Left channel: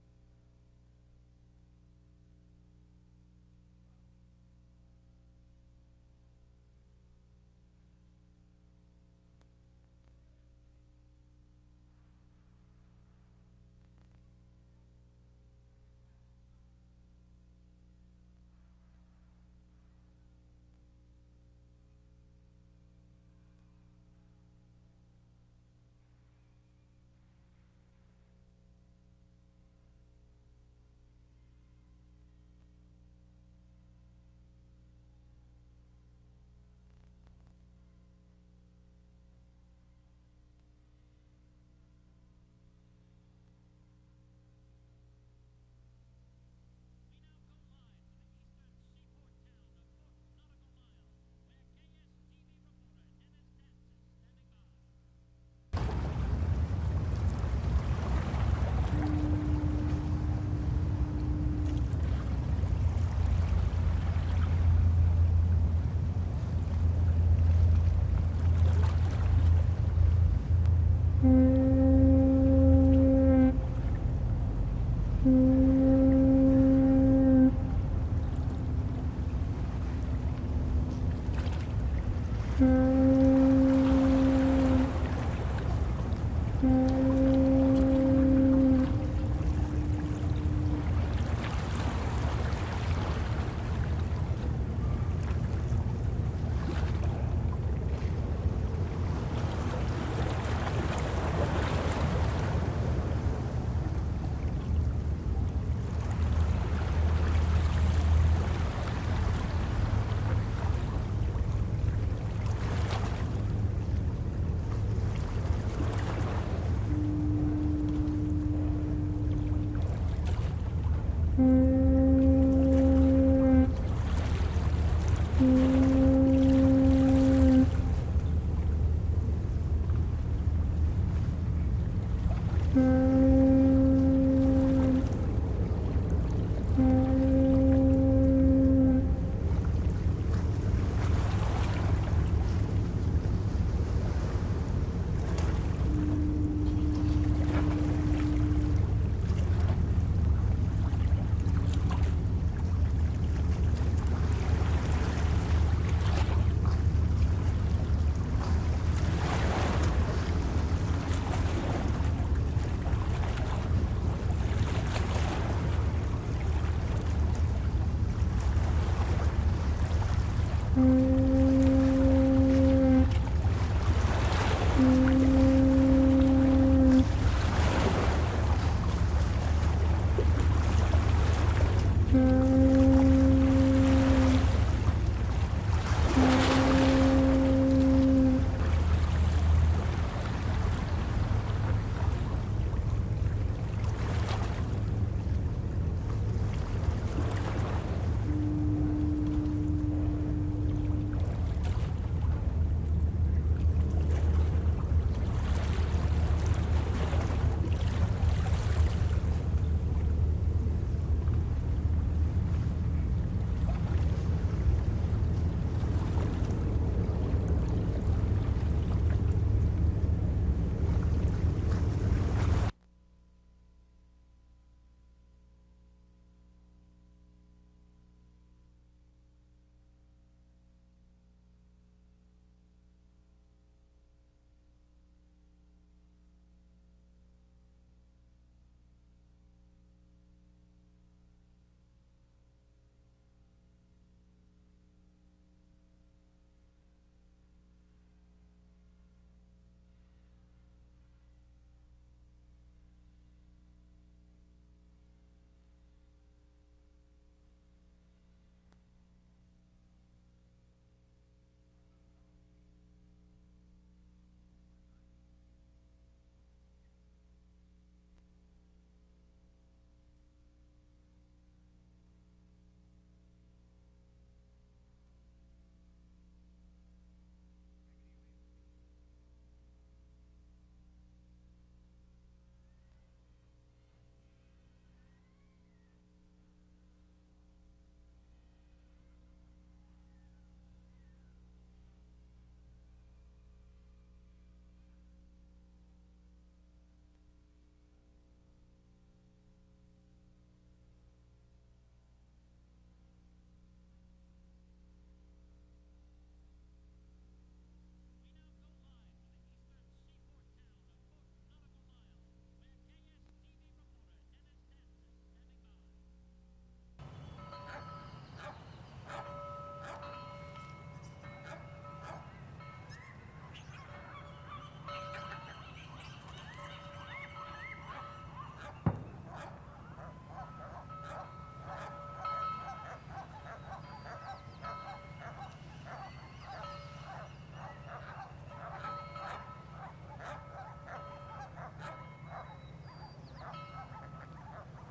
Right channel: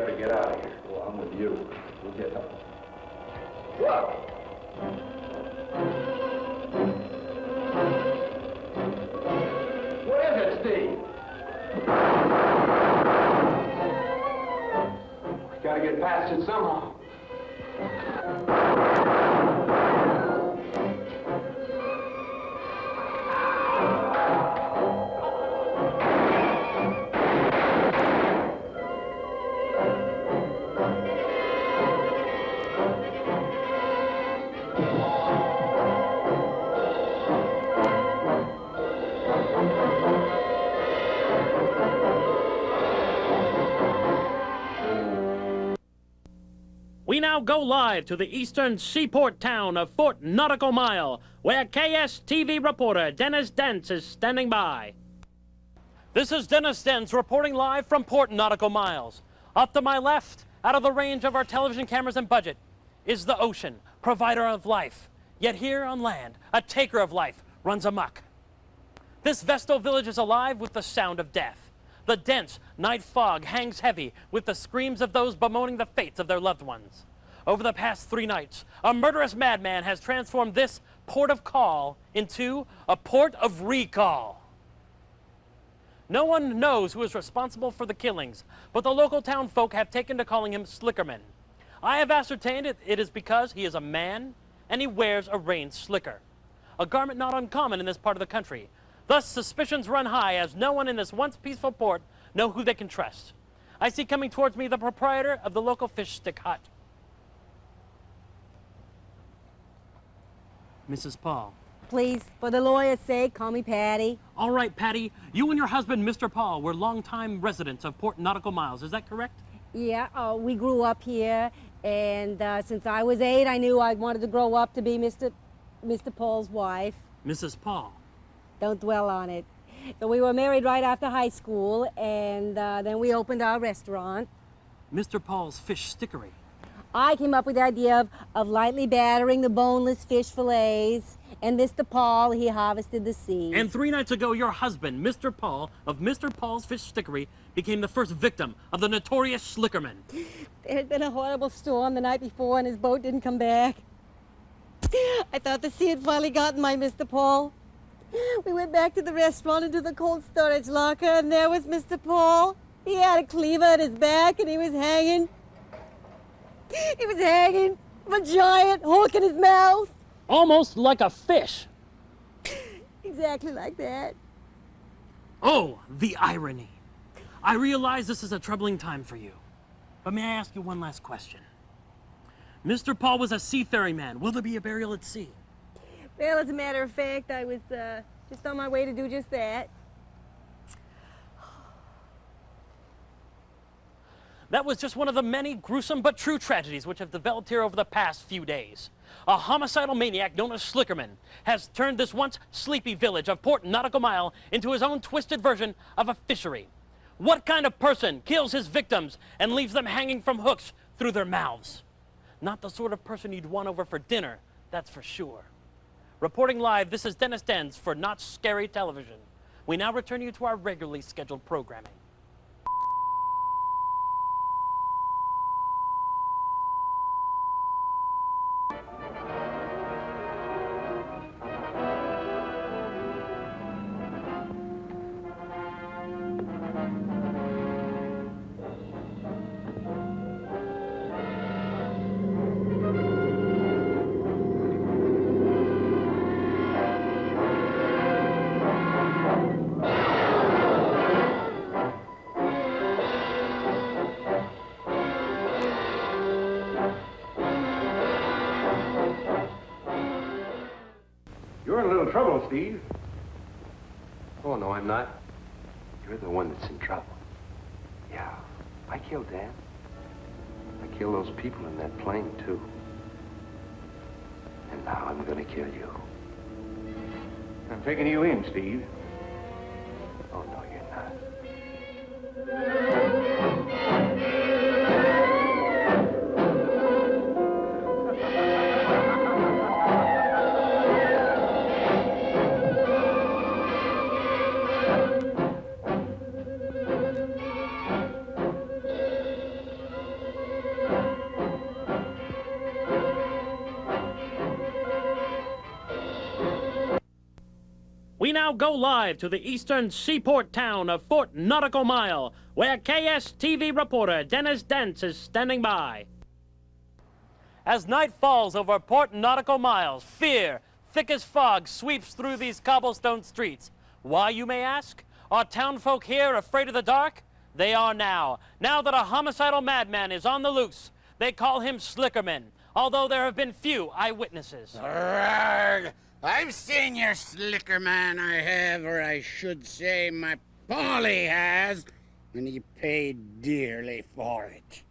better get out of here. Well, I'm with you. We'll get help. Whoa! What is it, Steve? We gotta get past it somehow. We now go live to the eastern seaport town of Fort Nautical Mile, where KSTV reporter Dennis Dentz is standing by. This is Dennis Dentz reporting live from Port Nautical Miles. Up to my left, out of the range of our television cameras and budget, is the ocean, provider of life. Yet here on land, a taker of life runs amok. This Vestal village is alive with the sound of death. The dense night fog hangs heavy with the screams of those bemoaning the fates of their loved ones. Over the past 3 nights, a murderous madman has transformed this port of call into a port of recall. No one knows who is responsible for the killings, but the local town folk have taken to calling him Slickerman. I have ascertained it is because he is a man and he wears a rain slicker, a garment not uncommon in this part of the country. Thus, suspicions run high as no one in this once peaceful port know who they can trust. I see coming towards me the proprietor of the local fish stick hut. Mrs. Paul. Please, for the lawyer's sake, call me Patty. All right, Patty. You and your husband, Mr. Paul, were longtime residents of Port Nautical Miles. Is that correct? Yeah, we grew up here, and since I was 8, I knew I wanted to grow up to be Mr. Paul's wife. Mrs. Paul. Don't dwell on it. But we were married right after high school, and then we opened our restaurant. Mr. Paul's Fish Stickery. I came up with the idea of lightly battering the boneless fish fillets, and Mr. Paul, he harvested the sea. And 3 nights ago, your husband, Mr. Paul, of Mr. Paul's Fish Stickery, became the first victim of the notorious Slickerman. There had been a horrible storm the night before, and his boat didn't come back. I thought the sea had finally gotten my Mr. Paul. We went back to the restaurant into the cold storage locker, and there was Mr. Paul. He had a cleaver at his back, and he was hanging. He was hanging from a giant hook in his mouth. Almost like a fish. Exactly like that. Oh, the irony. I realize this is a troubling time for you. But may I ask you one last question? Mr. Paul was a seafaring man. Will there be a burial at sea? Well, as a matter of fact, I was on my way to do just that. That was just one of the many gruesome but true tragedies which have developed here over the past few days. A homicidal maniac known as Slickerman has turned this once sleepy village of Port Nautical Mile into his own twisted version of a fishery. What kind of person kills his victims and leaves them hanging from hooks through their mouths? Not the sort of person you'd want over for dinner, that's for sure. Reporting live, this is Dennis Dentz for Not Scary Television. We now return you to our regularly scheduled program. You're in a little trouble, Steve. Oh, no, I'm not. You're the one that's in trouble. Yeah, I killed Dan. I killed those people in that plane, too. And now I'm gonna kill you. I'm taking you in, Steve. Oh, no, you're not. We now go live to the eastern seaport town of Fort Nautical Mile, where KSTV reporter Dennis Dents is standing by. As night falls over Port Nautical Mile, fear, thick as fog, sweeps through these cobblestone streets. Why, you may ask? Are townfolk here afraid of the dark? They are now. Now that a homicidal madman is on the loose. They call him Slickerman, although there have been few eyewitnesses. Arrgh! I've seen your Slickerman, I have, or I should say my Polly has, and he paid dearly for it.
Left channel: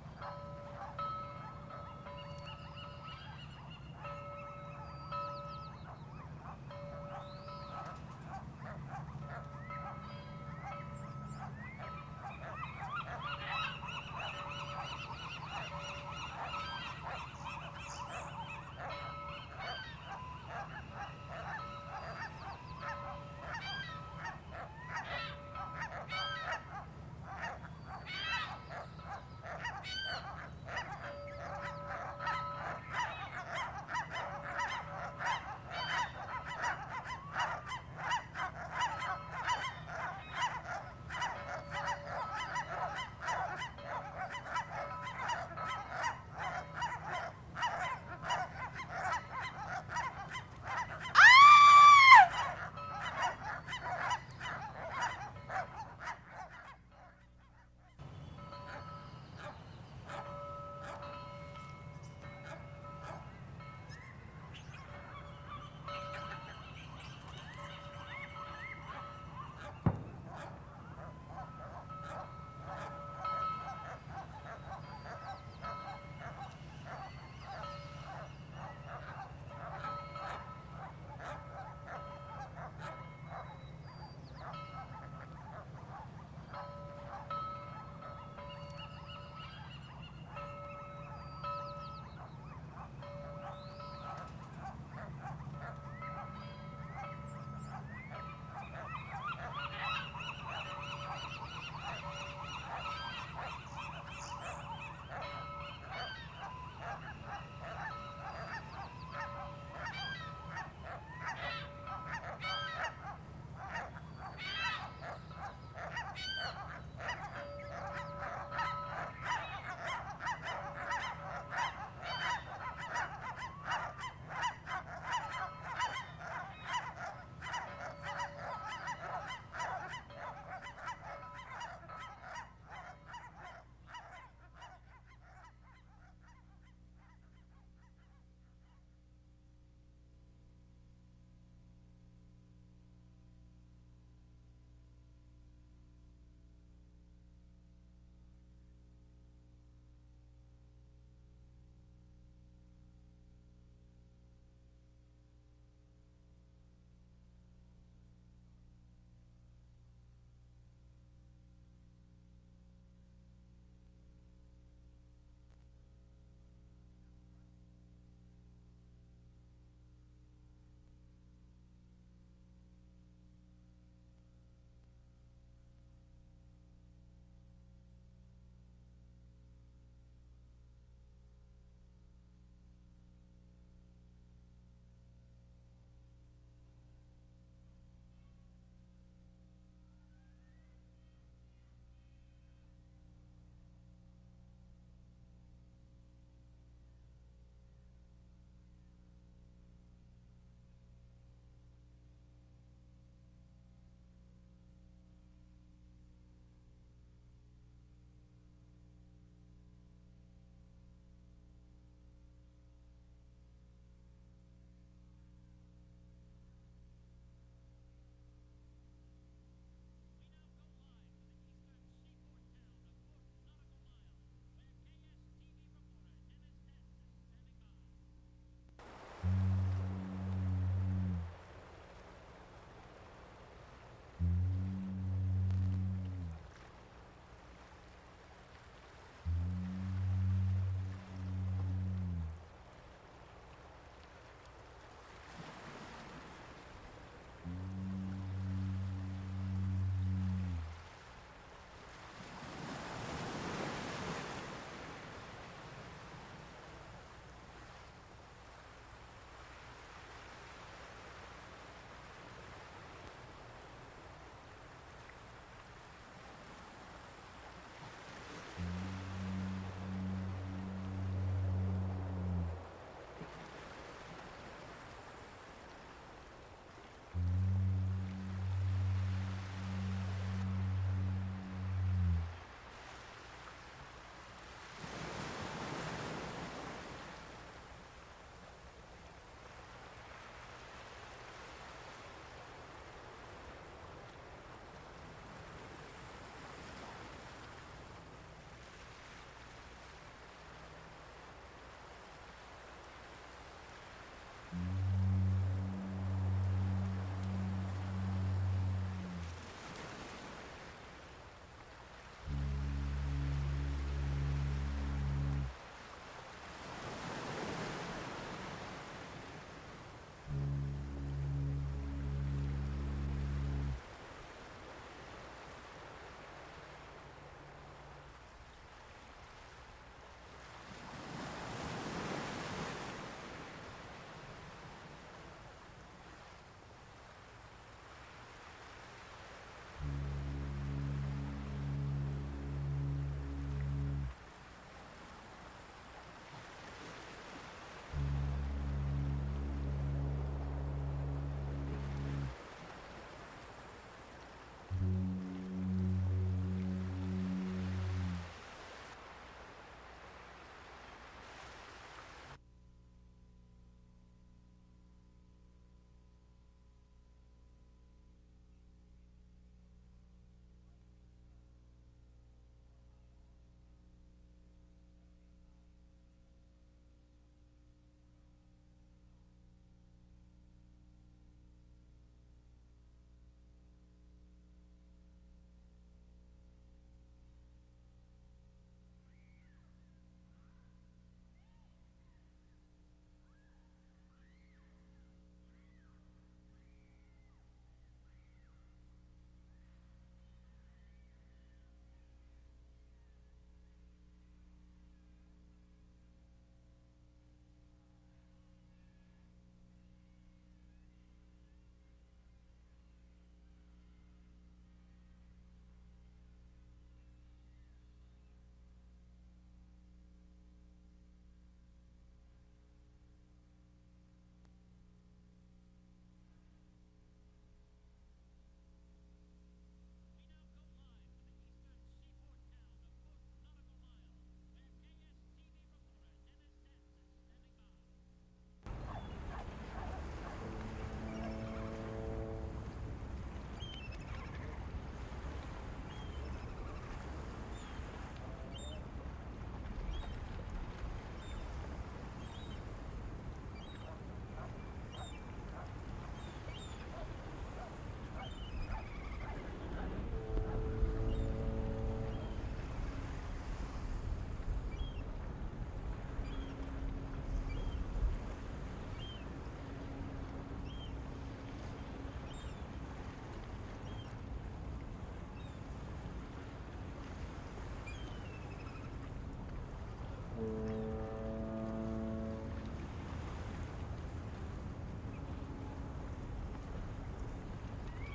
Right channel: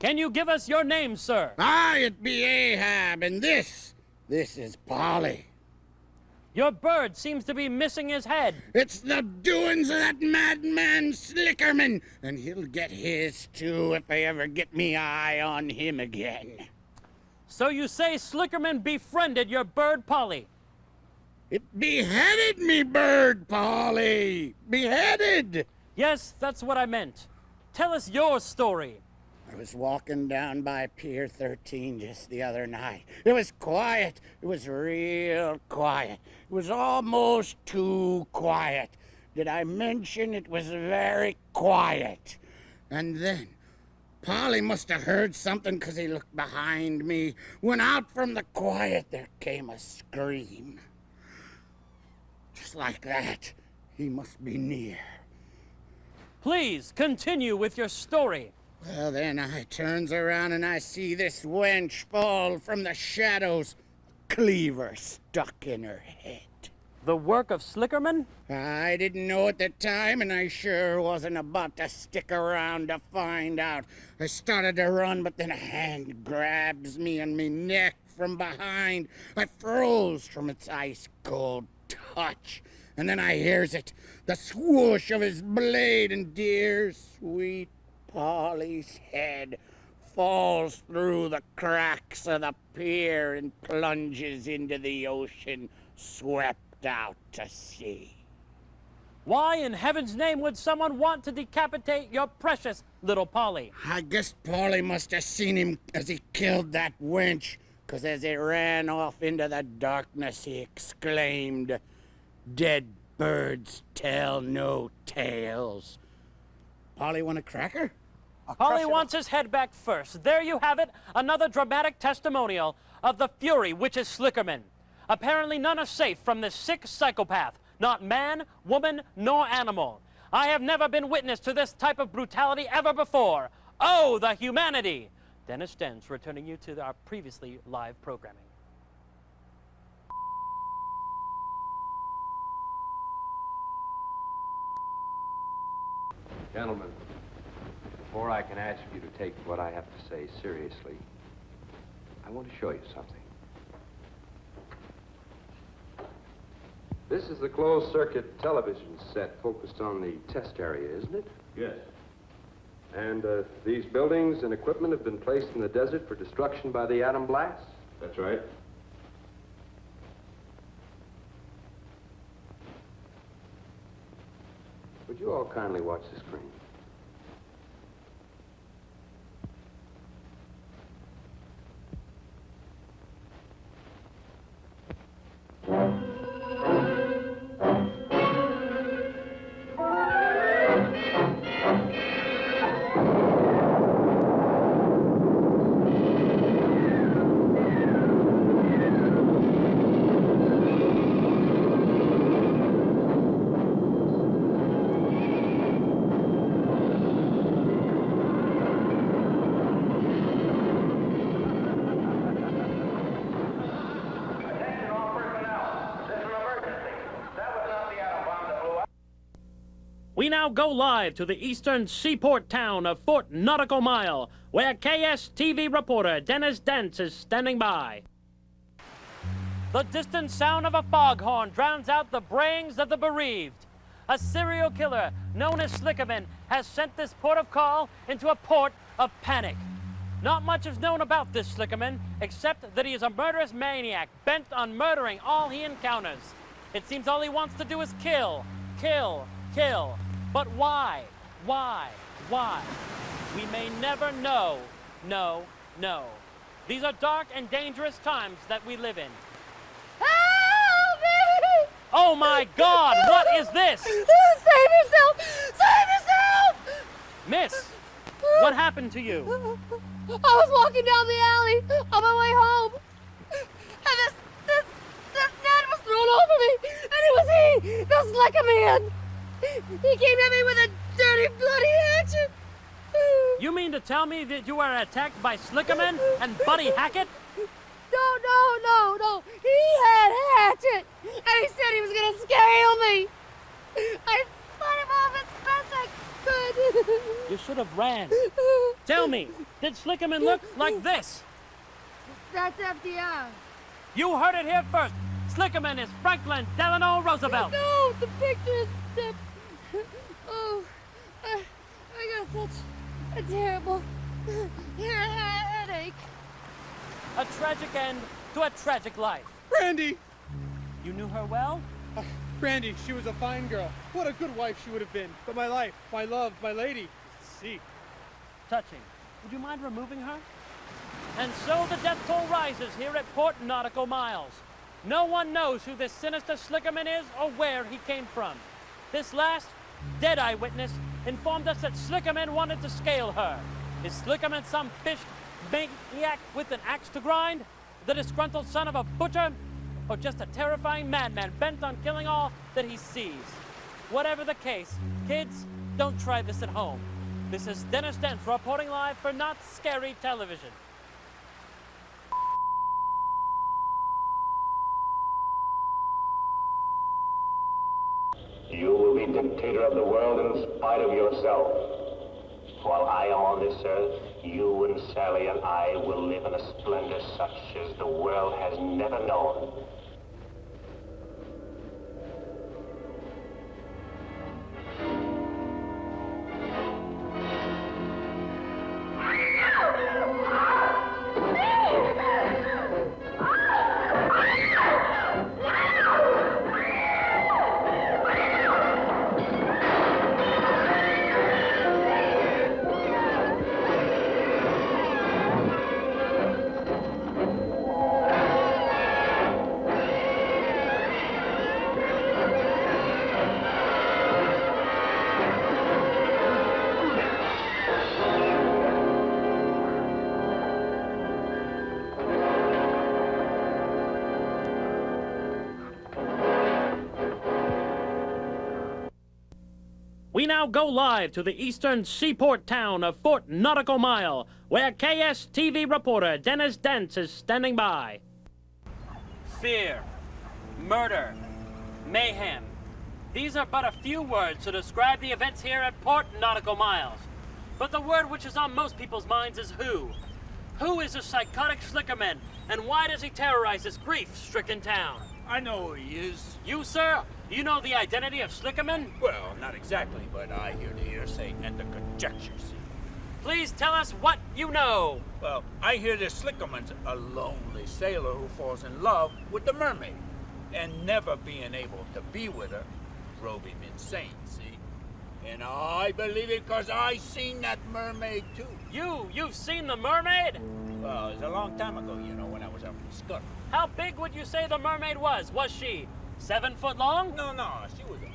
Can you give us your name, sir? It be Ahab, and this is Polly. Your bird seems to be missing his head. It's the doings of that madman Slickerman, and he'll get his too if I ever get me eye on him again. So you say Slickerman befriended your bird, Polly? It beheaded me bird, Polly! Beheaded! Yes, that's what I meant. Tell us your story. I was walking down by Pier 13 just the other night. It was quiet. It was real quiet. It was almost too quiet. Did I mention it was very quiet? And then, Polly must have heard something because he looked behind me. When out from the quiet, there came a scream. Just like that. He must be near. Please continue with your story. Well, then I turns around and I see this wench fall from the shadows, cleaver stuck in her head. The work of Slickerman? I didn't know at the time, and I sure wasn't about to stick around to find out. I started to run, but then a hand grabs me and me neck from behind. I froze from its ice-cold touch. And then I hears it, the swoosh of his blade, and dear, sweet Polly's head falls through the cracks of the pier and plunges into the ocean, swept out to sea. Why in heaven's name would someone want to decapitate your precious little Polly? I guess Polly must have seen him as he killed that wench, because as he ran off into the darkness, he exclaimed, "Dead birds tell no tales." Polly want a cracker? Polly wants his head back first. There you have it, another dramatic testimonial of the fury which is Slickerman. Apparently none are safe from this sick psychopath, not man, woman, nor animal. I have never been witness to this type of brutality ever before. Oh, the humanity! Dennis Dents returning you to our previously live programming. Gentlemen, before I can ask you to take what I have to say seriously, I want to show you something. This is the closed-circuit television set focused on the test area, isn't it? Yes. And these buildings and equipment have been placed in the desert for destruction by the atom blast? That's right. Would you all kindly watch the screen? We now go live to the eastern seaport town of Fort Nautical Mile, where KSTV reporter Dennis Dents is standing by. The distant sound of a foghorn drowns out the brayings of the bereaved. A serial killer known as Slickerman has sent this port of call into a port of panic. Not much is known about this Slickerman, except that he is a murderous maniac bent on murdering all he encounters. It seems all he wants to do is kill, kill, kill. But why? Why? Why? We may never know. No, no. These are dark and dangerous times that we live in. Help me! Oh my God, what is this? Save yourself! Save yourself! Miss, what happened to you? I was walking down the alley on my way home, and this net was thrown over me, and it was he, the Slicker Man. He came at me with a dirty, bloody hatchet. You mean to tell me that you were attacked by Slickerman and Buddy Hackett? No. He had a hatchet, and he said he was gonna scale me. I fought him off as best I could. You should have ran. Tell me, did Slickerman look like this? That's FDR. You heard it here first. Slickerman is Franklin Delano Roosevelt. No, the picture is stiff. Oh, I got such a terrible headache. A tragic end to a tragic life. Brandy! You knew her well? Brandy, she was a fine girl. What a good wife she would have been. But my life, my love, my lady, see. Touching. Would you mind removing her? And so the death toll rises here at Port Nautical Miles. No one knows who this sinister Slickerman is or where he came from. This last dead eyewitness informed us that Slickerman wanted to scale her. Is Slickerman some fish maniac with an axe to grind? The disgruntled son of a butcher? Or just a terrifying madman bent on killing all that he sees? Whatever the case, kids, don't try this at home. This is Dennis Dent reporting live for Not Scary Television. You will be dictator of the world in spite of yourself. While I am on this earth, you and Sally and I will live in a splendor such as the world has never known. We now go live to the eastern seaport town of Fort Nautical Mile, where KSTV reporter Dennis Dent is standing by. Fear, murder, mayhem. These are but a few words to describe the events here at Port Nautical Miles. But the word which is on most people's minds is who. Who is the psychotic Slickerman, and why does he terrorize this grief-stricken town? I know who he is. You, sir? You know the identity of Slickerman? Well, not exactly, but I hear the hearsay and the conjectures. Please tell us what you know. Well, I hear that Slickerman's a lonely sailor who falls in love with the mermaid, and never being able to be with her drove him insane, see? And I believe it because I seen that mermaid too. You've seen the mermaid? Well, it was a long time ago, you know, when I was up in Scotland. How big would you say the mermaid was? Was she 7 foot long? No, she was a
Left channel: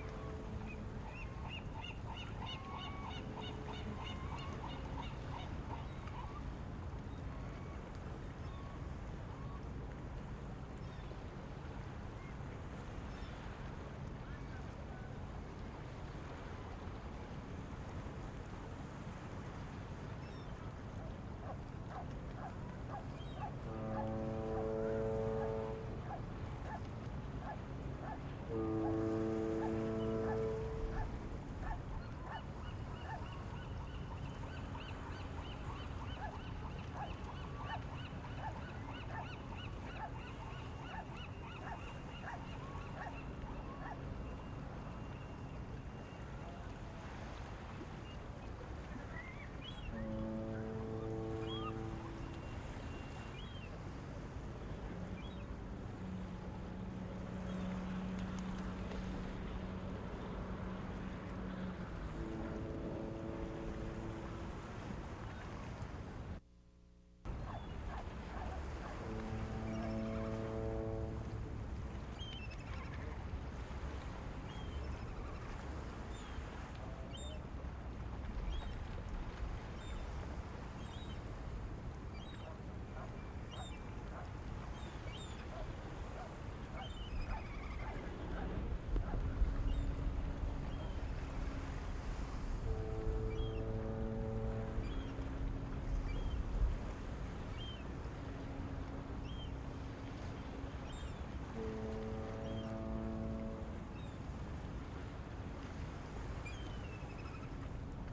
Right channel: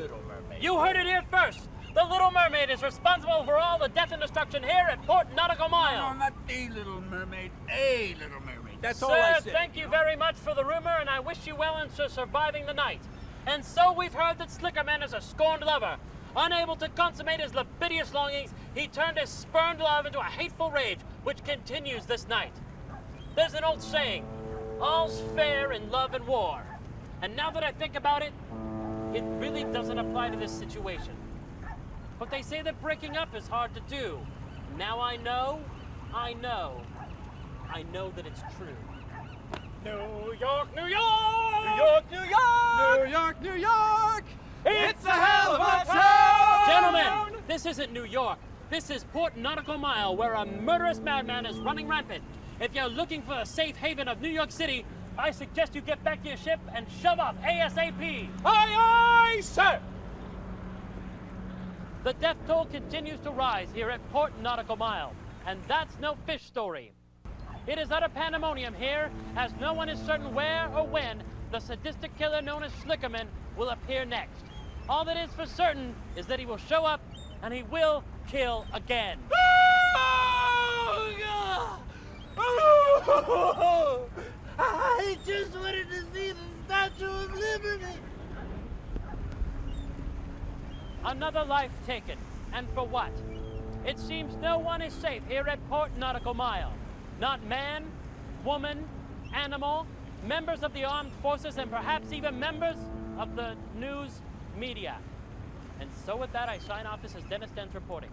little mermaid. You heard it here first. The Little Mermaid is responsible for all the death and destruction here at Port Nautical Mile. No, not the Little Mermaid, a Little Mermaid. That's all I Sir, said. thank you very much for the rumor, and I wish you well in surviving the night. And so we've heard that Slickerman is a scorned lover. Unable to consummate his libidious longings, he turned his spurned love into a hateful rage, which continues this night. There's an old saying, all's fair in love and war. And now that I think about it, it really doesn't apply to this situation. But they say that breaking up is hard to do. Now I know that it's true. New York, New York! New York, New York! New York, New York! It's a hell of a town! Gentlemen, this isn't New York. This is Port Nautical Mile, where a murderous madman is running rampant. If you're looking for a safe haven of New York City, I suggest you get back to your ship and shove off ASAP. Aye, aye, sir! The death toll continues to rise here at Port Nautical Mile, and that's no fish story. It is utter pandemonium here, as no one is certain where or when the sadistic killer known as Slickerman will appear next. All that is for certain is that he will show up and he will kill again. I just wanted to see the Statue of Liberty. Another life taken. And for what? It seems no one is safe here at Port Nautical Mile. Not man, woman, animal, members of the armed forces, and perhaps even members of the news media. And so with that, I sign off. This is Dennis Dent reporting.